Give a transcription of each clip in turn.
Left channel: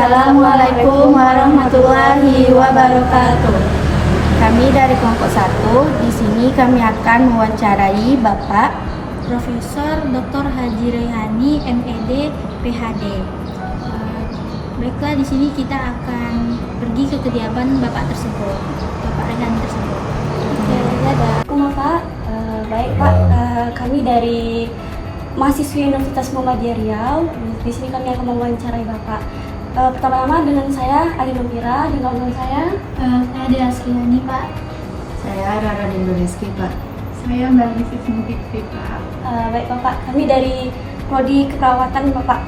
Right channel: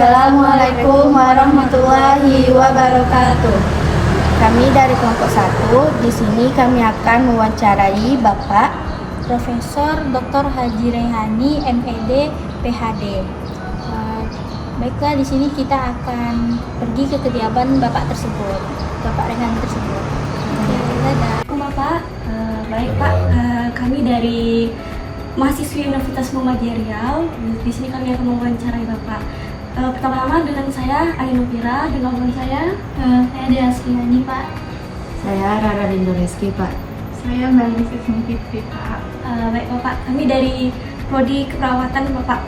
Assalamualaikum warahmatullahi wabarakatuh. Kami dari kelompok 1, di sini kami akan mewawancarai Bapak Profesor Dr. Haji Rehani, MED, PhD. Baiklah, di sini kita akan pergi ke kediaman Bapak tersebut, Bapak Rehani tersebut. Assalamualaikum Bapak. Baik Pak, kami dari mahasiswi Universitas Muhammadiyah Riau. Di sini kami akan mewawancarai Bapak. Pertama-tama dengan saya Ali Novira, dengan teman saya Dea Sulani Pak. Saya Rara Dindoreski Pak. Saya Mbak Lisis Mukitri Pak. Baik Bapak, kami dari Prodi Keperawatan Bapak,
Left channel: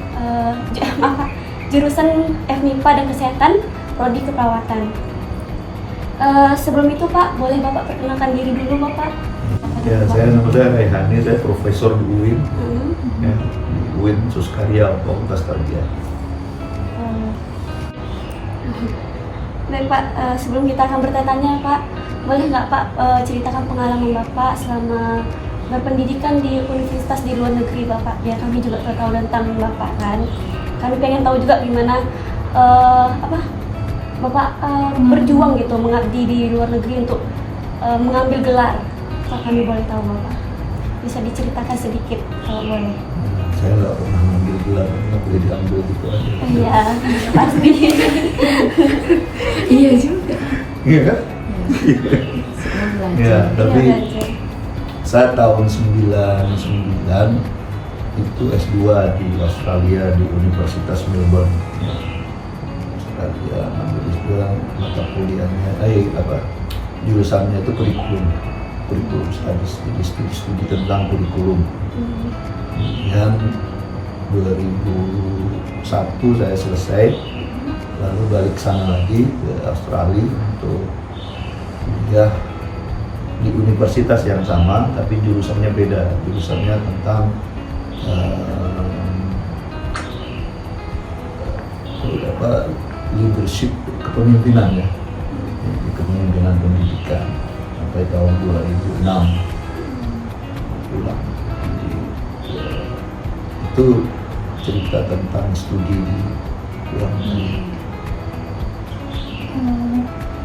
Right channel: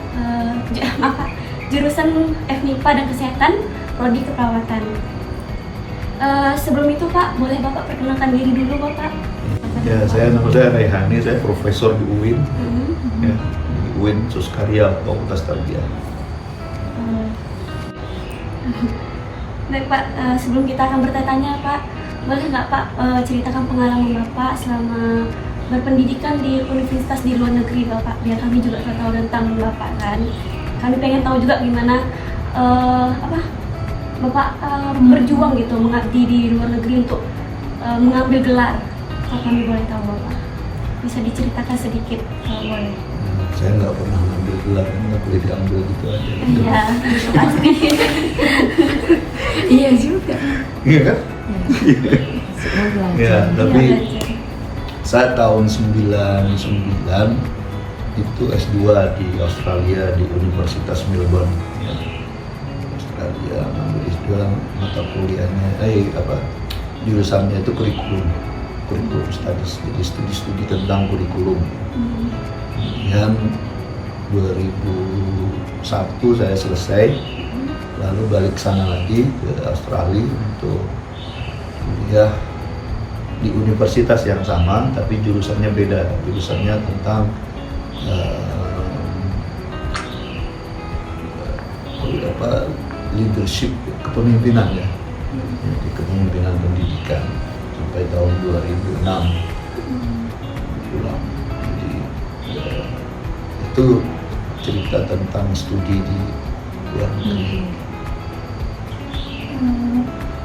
maaf Pak, jurusan FMIPA dan Kesehatan, Prodi Keperawatan. Sebelum itu Pak, boleh Bapak perkenalkan diri dulu Bapak? Ya, saya Nura Rehani, saya profesor di UIN, ya, di UIN Suskarya, Fakultas Tarbiyah. Baik Pak, sebelum kita akan bertanya Pak, boleh nggak Pak ceritakan pengalaman Bapak selama berpendidikan di universitas di luar negeri Bapak, biar kami juga tahu tentang Bapak kan. Kami pengen tahu juga gimana Bapak berjuang gitu, mengabdi di luar negeri untuk mengambil gelar. Kalau kami boleh tahu Bapak, bisa diceritakan sedikit kalau boleh. Saya nggak pernah ngambil gelar, nggak boleh diambil gitu aja. Iya, pasti. Iya juga. Iya kan? Semua Ya, belajar. tapi saya tahun 99 itu S2 di Australia di Universitas Melbourne. Ya. Australia ambil S2, mata kuliahnya, jurusannya itu kurikulum studies, jadi studi tentang kurikulum. Kemudian 2001 saya selesai, lalu balik sana lagi ke Australia untuk kuliah di universitas yang sama, tapi jurusannya beda. Jurusannya tentang leadership, kepemimpinan ya, kepemimpinan pendidikan sampai tahun 2006 pulang. Jadi itu cerita tentang studi di luar negeri.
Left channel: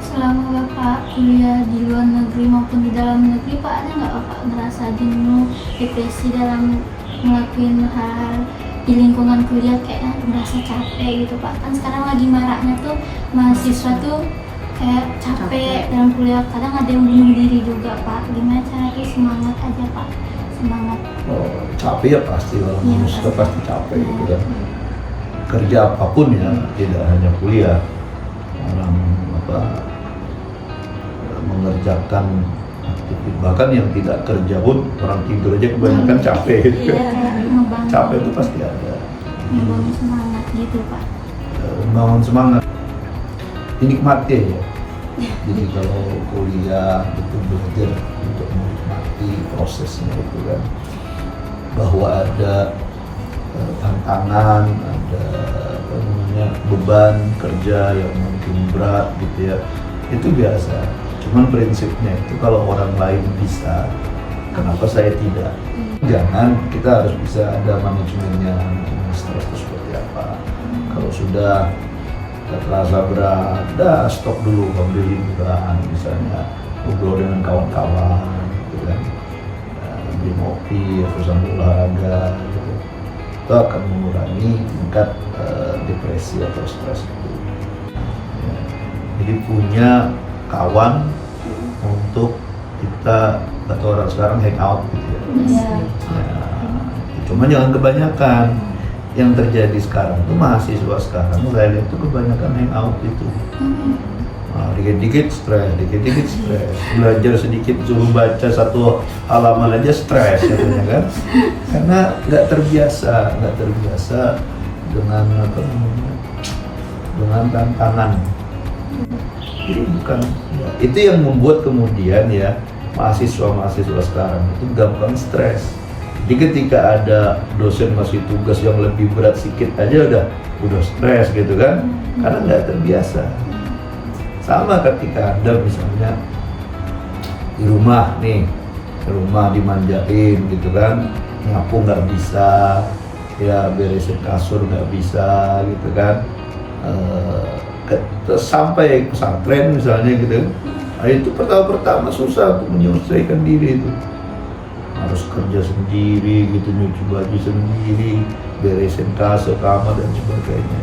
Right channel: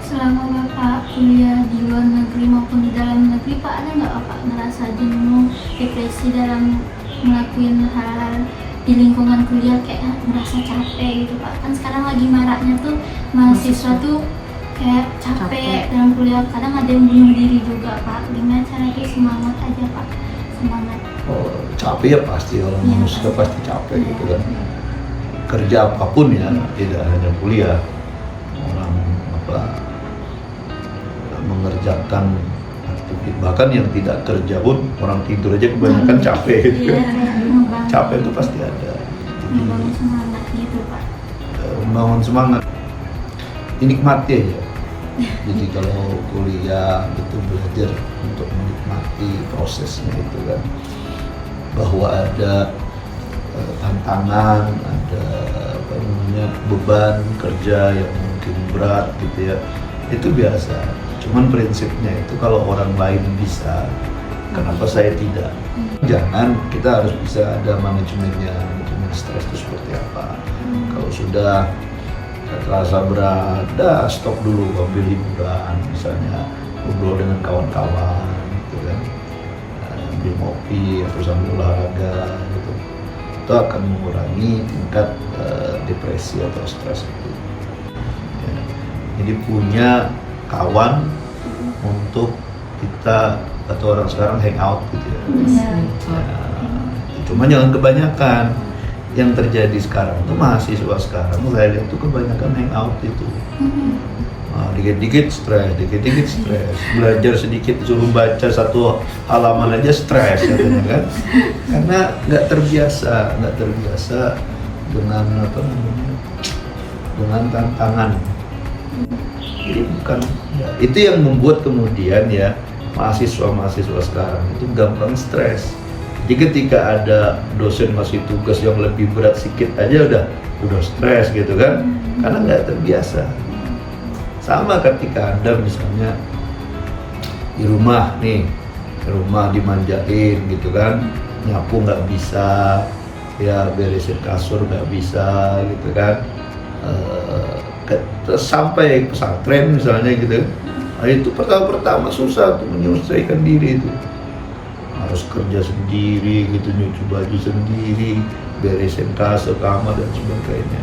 Selama Bapak kuliah di luar negeri maupun di dalam negeri, Pak, ada nggak Bapak merasa jenuh, depresi dalam ngelakuin hal di lingkungan kuliah, kayak merasa capek gitu Pak? Kan sekarang lagi maraknya tuh mahasiswa tuh kayak capek dalam kuliah, kadang ada yang bunuh diri juga Pak. Gimana caranya semangat aja Pak? Semangat. Capek ya pasti, kalau Iya, manusia pasti. pasti capek gitu kan. Kerja apapun ya, tidak hanya kuliah, orang mengerjakan aktivitas, bahkan yang tidak kerja pun orang tidur aja kebanyakan capek gitu. Capek itu pasti ada. Membangun semangat gitu Pak. Membangun semangat, dinikmati aja. Jadi kalau kuliah itu belajar untuk menikmati prosesnya itu kan, bahwa ada tantangan, ada beban kerja yang mungkin berat gitu ya, itu biasa. Cuman prinsipnya itu kalau orang lain bisa, kenapa saya tidak? Jangan, kita harus bisa ada manajemennya, manajemen stres itu seperti apa. Kalau sudah terasa berat, stop dulu, ambil hiburan, misalnya ngobrol dengan kawan-kawan gitu kan, ambil ngopi atau sambil olahraga gitu. Itu akan mengurangi tingkat depresi atau stres itu. Ya. Jadi punya kawan untuk kita, atau orang sekarang hangout gitu ya. Cuma jangan kebanyakan. Yang terjadi sekarang itu mahasiswa sekarang, saya lihat itu kebanyakan hangout itu. Nah, dikit-dikit stres, belajar sedikit suruh baca satu halaman aja stres katanya kan, karena nggak terbiasa dengan dengan tantangan. Jadi bukan itu yang membuat kemudian ya mahasiswa sekarang itu gampang stres. Jadi ketika ada dosen ngasih tugas yang lebih berat sedikit aja udah stres gitu kan, karena nggak terbiasa. Sama ketika Anda misalnya di rumah dimanjain gitu kan, nyapu nggak bisa, ya beresin kasur nggak bisa gitu kan, terus sampai pesantren misalnya gitu. Nah itu pertama susah untuk menyelesaikan diri itu. Harus kerja sendiri gitu, nyuci baju sendiri, beresin tas, kamar dan sebagainya.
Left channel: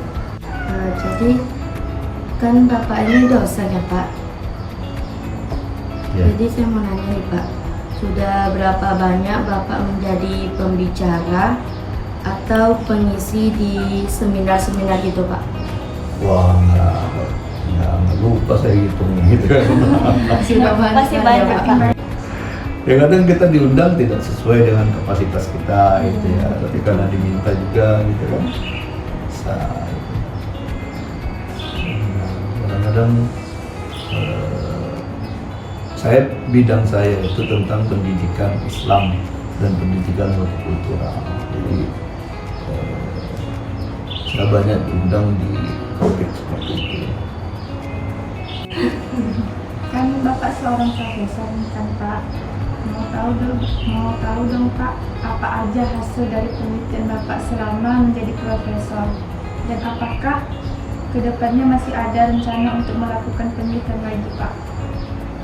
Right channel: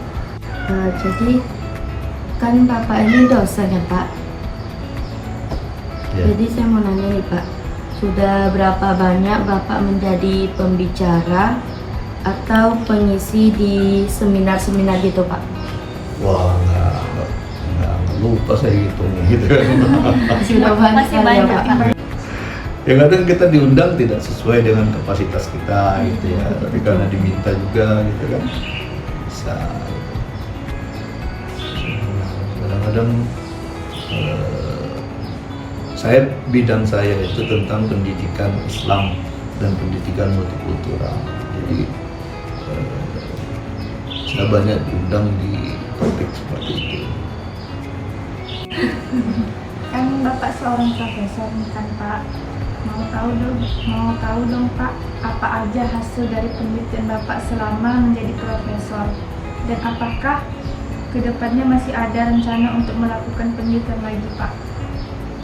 Jadi kan Bapak ini dosen ya Pak. Ya. Jadi saya mau nanya nih Pak, sudah berapa banyak Bapak menjadi pembicara atau pengisi di seminar-seminar gitu Pak? Wah, nggak lupa saya gitu kan. Sudah banyak Masih kali ya banyak, Pak. Pak. Ya kadang kita diundang tidak sesuai dengan kapasitas kita gitu ya, tapi karena diminta juga gitu kan. Kadang-kadang bidang saya itu tentang pendidikan Islam dan pendidikan multikultural. Jadi saya banyak diundang di topik seperti itu. Kan Bapak seorang profesor nih kan Pak, mau tahu dong Pak, apa aja hasil dari penelitian Bapak selama menjadi profesor, dan apakah kedepannya masih ada rencana untuk melakukan penelitian lagi Pak?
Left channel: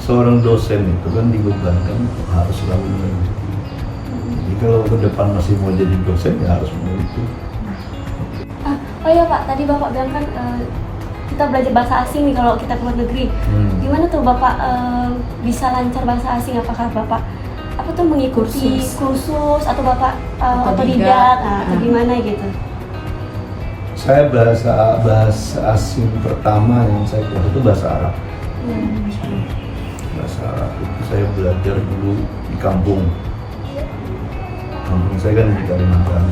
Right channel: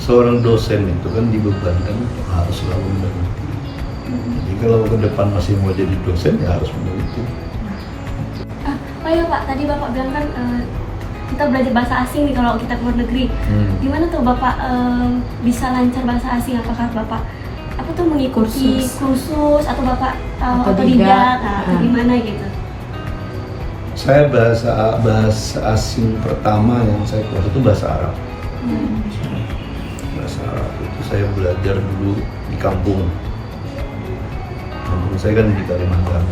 Seorang dosen itu kan dibebankan untuk harus selalu meneliti. Jadi kalau ke depan masih mau jadi dosen ya harus meneliti. Oh iya Pak, tadi Bapak bilang kan kita belajar bahasa asing nih kalau kita keluar negeri. Gimana tuh Bapak bisa lancar bahasa asing? Apakah Bapak mengikuti kursus atau Bapak otodidak atau gimana gitu? Saya bahasa asing pertama yang saya kuasai itu bahasa Arab. Bahasa Arab itu saya belajar dulu di kampung. Kampung saya kan di Kalimantan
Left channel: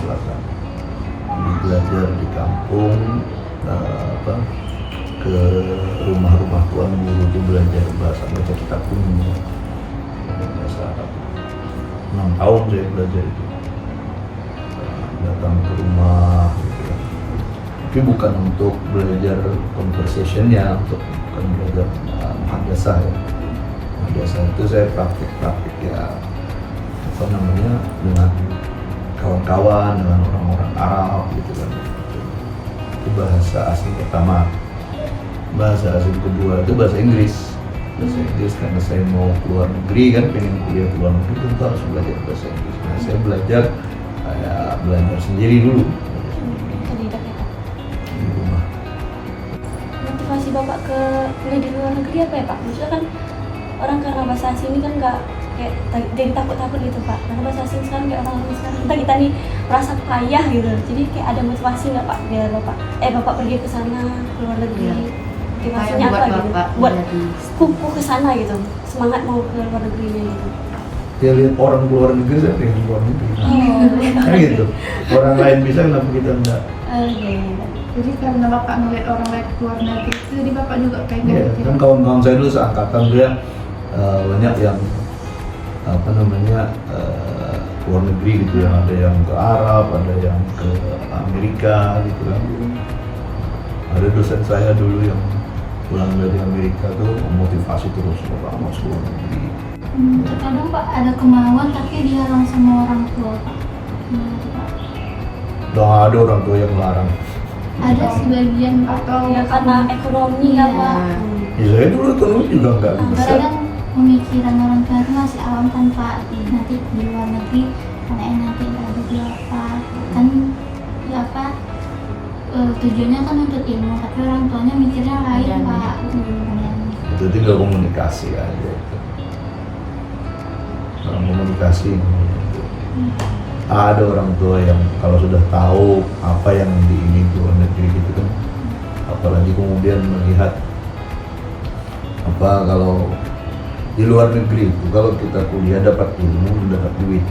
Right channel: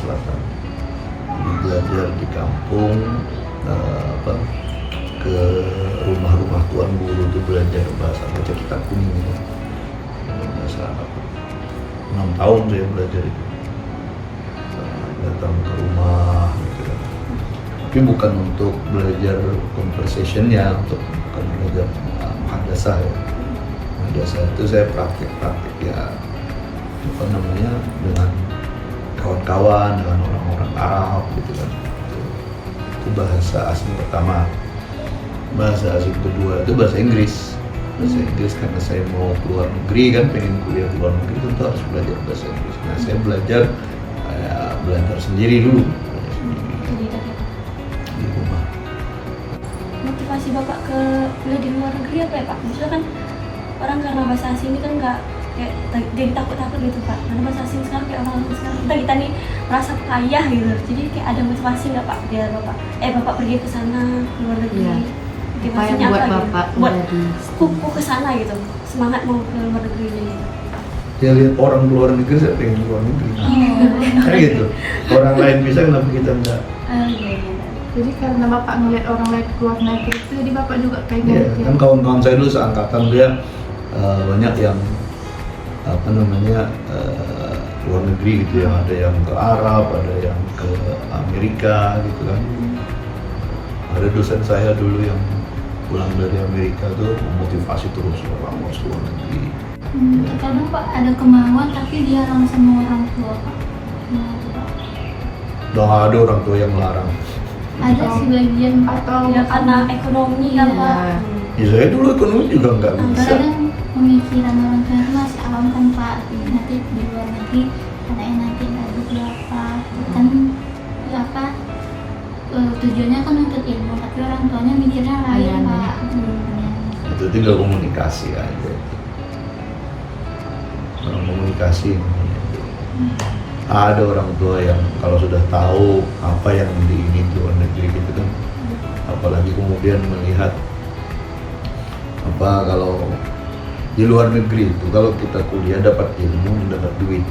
Selatan. Jadi belajar di kampung, ke rumah-rumah tuan guru itu belajar bahasa kitab kuning, bahasa Arab. 6 tahun saya belajar itu. Datang ke rumah gitu. Tapi bukan untuk belajar conversationnya, untuk belajar madrasah ya. Madrasah itu saya praktik ya dengan kawan-kawan, dengan orang-orang Arab gitu kan. Itu bahasa asing pertama. Bahasa asing kedua itu bahasa Inggris. Bahasa Inggris karena saya mau keluar negeri kan, pengen kuliah keluar negeri tentu harus belajar bahasa Inggris. Nah saya belajar sendiri dulu. Otodidak ya Pak. Di rumah. Motivasi Bapak ke kuliah di luar negeri apa ya Pak? Maksudnya kan orang karena bahasa asing ini kan nggak kayak jadi takut gitu Pak. Karena bahasa asing sekarang kayak orang-orang sekarang kita nih merasa kaya gitu. Jadi kayak ada motivasi nggak Pak biar Bapak pergi ke sana ke luar negeri? Iya. Motivasinya Buat apa Bapak gitu? Buat menjadi kuku ke sana gitu. Semangat mau ke luar negerinya gitu. Ya lihat orang luar negeri, saya pengen keluar negeri. Kan gitu. Orang lain bisa, kenapa kita enggak? Iya. Jadi karena Bapak ngeliat orang lain keluar negeri itu, jadi Bapak juga kayak Ya, gitu. kan kawan-kawan saya dulu seangkatan dia banyak yang luar negeri gitu ya, ada yang ke Arab, ada yang ke Amerika gitu kan. Ada dosen saya dulu yang pulang dari Amerika tuh memotivasi terus lama seluruh negeri. Terkadang Pak ada kemauan tapi dihalang sama orang tua Pak. Gimana tuh, Pak? Udah ada orang tua yang larang. Ada sebagian Pak. Atau Ya karena ekonomi kan Iya. Pak. Ya saya dulu ekonomi juga nggak bisa. Kadang pemikiran orang tua itu masih awam kan Pak. Nanti di luar negeri anaknya nanti gaji berapa kan apa tujuannya kan untuk ilmu tapi orang tuanya mikirnya lain Aneh-aneh. Pak. Itu tinggal komunikasi aja. Komunikasi. Ada orang tua yang kalau sudah tahu apa yang diingin di luar negeri gitu kan, apalagi kemudian melihat apa kalau di luar negeri itu kalau kita kuliah dapat ilmu mendapat duit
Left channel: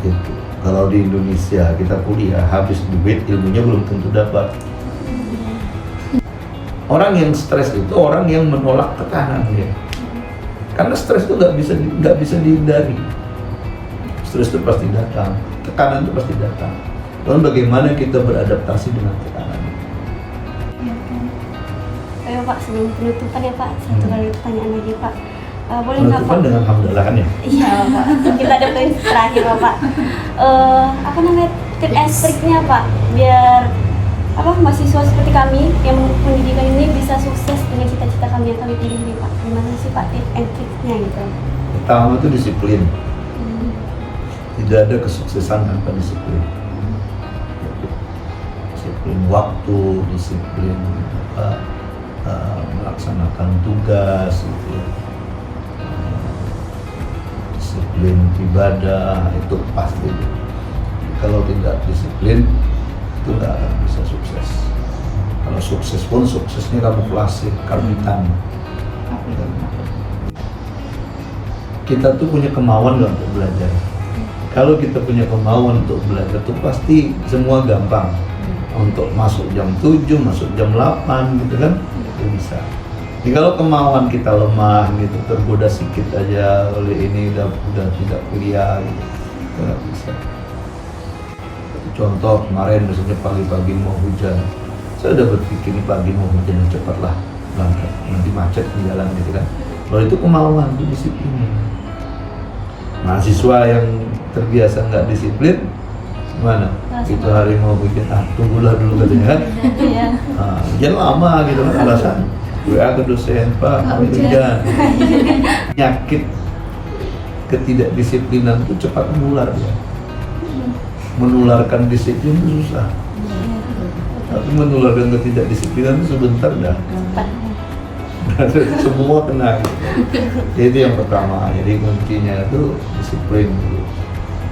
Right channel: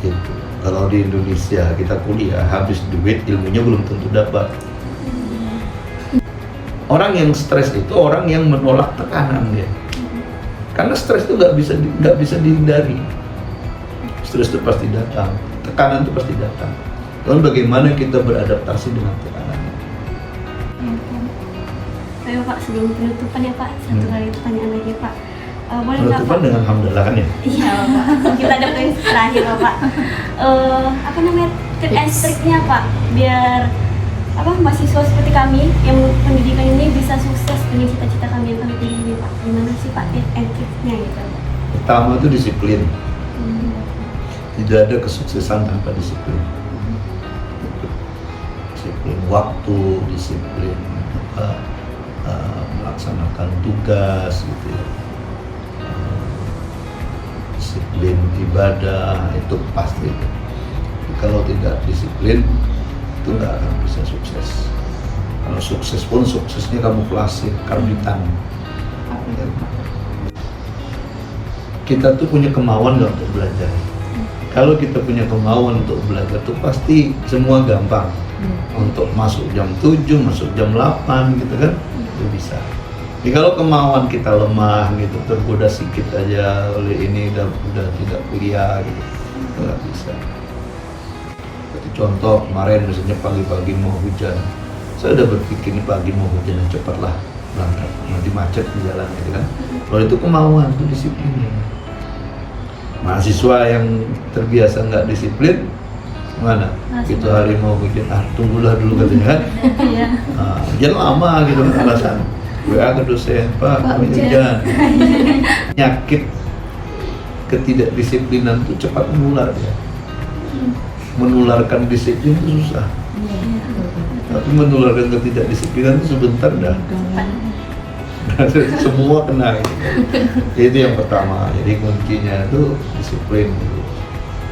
gitu. Kalau di Indonesia kita kuliah habis duit ilmunya belum tentu dapat. Orang yang stres itu orang yang menolak tekanan ya. Karena stres itu nggak bisa dihindari. Stres itu pasti datang, tekanan itu pasti datang. Lalu bagaimana kita beradaptasi dengan tekanan? Ayo Pak, sebelum penutupan ya Pak, satu kali pertanyaan lagi Pak. Boleh nggak Pak? Penutupan dengan alhamdulillah kan ya? Iya Pak, kita ada poin terakhir Pak. Apa namanya tip and triknya Pak, biar mahasiswa seperti kami yang pendidikan ini bisa sukses dengan cita-cita kami yang kami pilih ini Pak? Gimana sih Pak triknya gitu? Pertama itu disiplin. Tidak ada kesuksesan tanpa disiplin. Disiplin waktu, disiplin melaksanakan tugas, gitu ya. Disiplin ibadah itu pasti. Kalau tidak disiplin itu tidak akan bisa sukses. Kalau sukses pun suksesnya kamuflase, karbitan. Kita tuh punya kemauan nggak untuk belajar. Kalau kita punya kemauan untuk belajar tuh pasti semua gampang. Untuk masuk jam 7, masuk jam 8 gitu kan, itu bisa. Jadi kalau kemauan kita lemah gitu, tergoda sedikit aja oleh ini udah tidak kuliah gitu, nggak bisa. Contoh kemarin misalnya pagi-pagi mau hujan, saya udah berpikir nih pagi mau hujan cepatlah berangkat, nanti macet di jalan gitu kan. Kalau itu kemauan, itu disiplin. Mahasiswa yang terbiasa nggak disiplin, gimana? Itu hari mau hujan, tunggulah dulu katanya kan. Jangan lama gitu pembahasan. WA ke dosen, Pak, hujan. Penyakit ketidakdisiplinan itu cepat menular ya. Menularkan disiplin itu susah. Tapi menularkan ketidakdisiplinan itu sebentar ya. Semua kena. Itu yang pertama. Jadi kuncinya itu disiplin.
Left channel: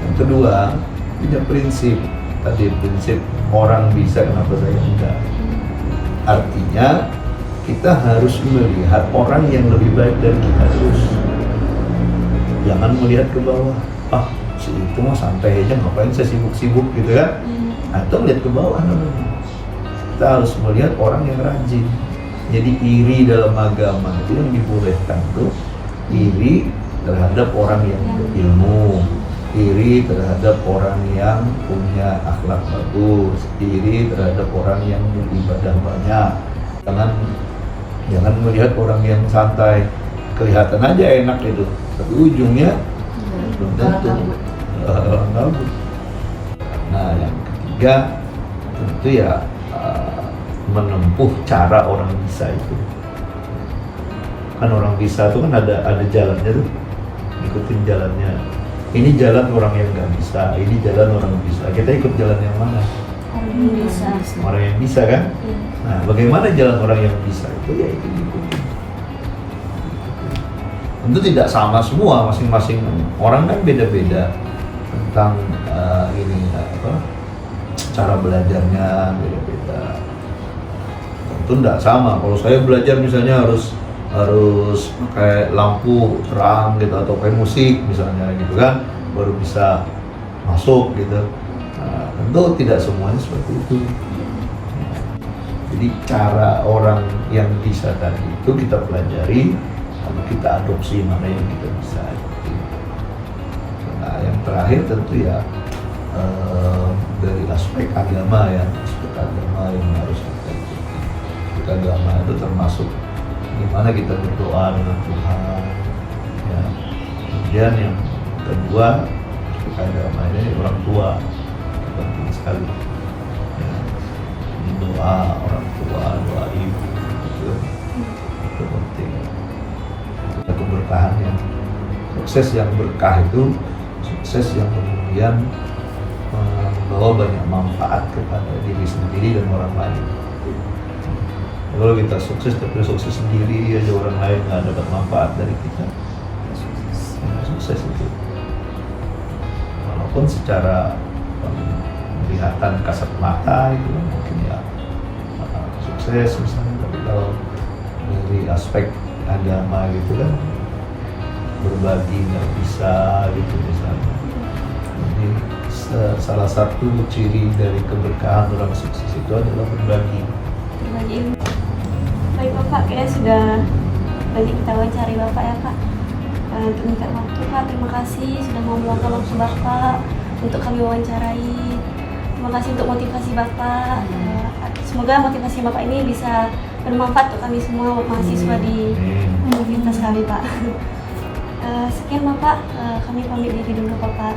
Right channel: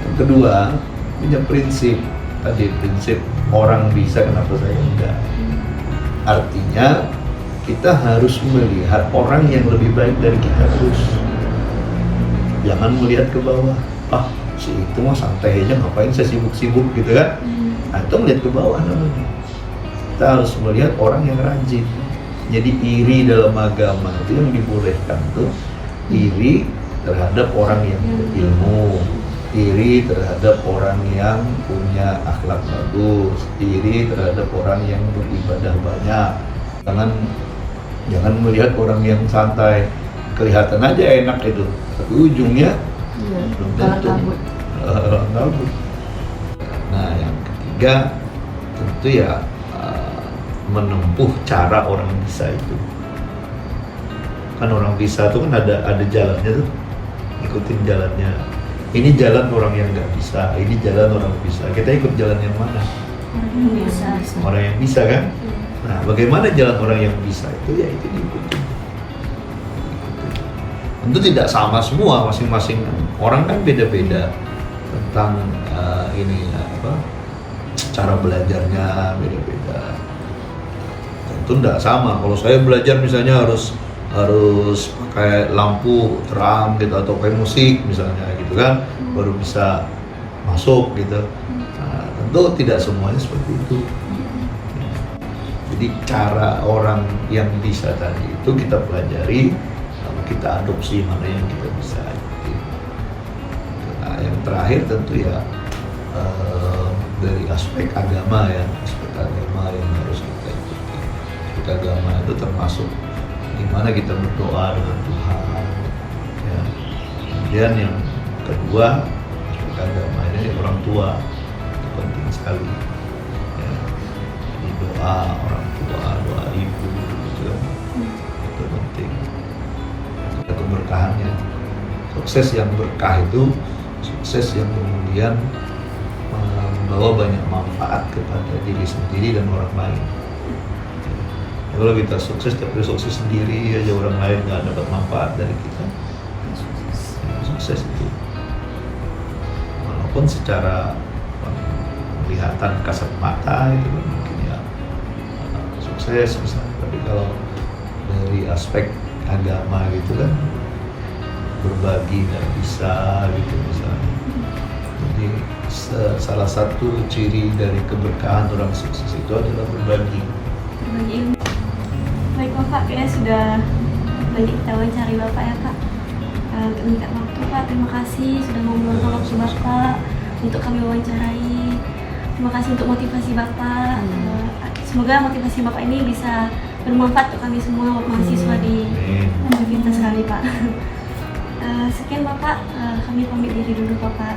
Yang kedua, punya prinsip. Tadi prinsip orang bisa kenapa saya enggak. Artinya kita harus melihat orang yang lebih baik dari kita terus. Jangan melihat ke bawah. Si itu mah santai aja, ngapain saya sibuk-sibuk gitu kan. Atau lihat ke bawah namanya. Kita harus melihat orang yang rajin. Jadi iri dalam agama itu yang dibolehkan tuh iri terhadap orang yang berilmu, iri terhadap orang yang punya akhlak bagus, iri terhadap orang yang beribadah banyak. Jangan melihat orang yang santai, kelihatan aja enak gitu, tapi ujungnya gabut. Gabut. Nah, yang ketiga tentu ya menempuh cara orang bisa itu. Kan orang bisa itu kan ada jalannya tuh, ikutin jalannya. Ini jalan orang yang nggak bisa, ini jalan orang bisa. Kita ikut jalan yang mana? Orang yang bisa kan? Nah, bagaimana jalan orang yang bisa itu ya itu diikuti. Tentu tidak sama semua, masing-masing orang kan beda-beda tentang cara belajarnya beda-beda. Tentu tidak sama. Kalau saya belajar misalnya harus pakai lampu terang gitu atau pakai musik misalnya gitu kan, baru bisa masuk gitu. Nah, tentu tidak semuanya seperti itu. Jadi cara orang yang bisa tadi itu kita pelajari, lalu kita adopsi mana yang kita bisa. Nah, yang terakhir tentu ya dari aspek agama ya, aspek agama yang harus kita lakukan. Aspek agama itu termasuk gimana kita berdoa dengan Tuhan. Ya. Kemudian yang kedua aspek agama ini orang tua penting sekali. Ya. Jadi doa orang tua, doa ibu itu penting. Keberkahannya, sukses yang berkah itu sukses yang kemudian membawa banyak manfaat kepada diri sendiri dan orang lain. Kalau kita sukses tapi sukses sendiri aja, orang lain nggak dapat manfaat dari kita, sukses itu walaupun secara penglihatan kasat mata itu mungkin ya sukses misalnya, tapi kalau dari aspek agama gitu kan berbagi nggak bisa gitu misalnya. Jadi salah satu ciri dari keberkahan orang sukses itu adalah berbagi ilmu. Baik Bapak, kita sudah banyak kita wawancari Bapak ya Kak. Untuk minta waktu Pak, terima kasih sudah mau meluangkan waktu Bapak untuk kami wawancarai. Terima kasih untuk motivasi Bapak. Semoga motivasi Bapak ini bisa bermanfaat untuk kami semua mahasiswa di universitas kami Pak. Sekian Bapak, kami pamit diri dulu Bapak.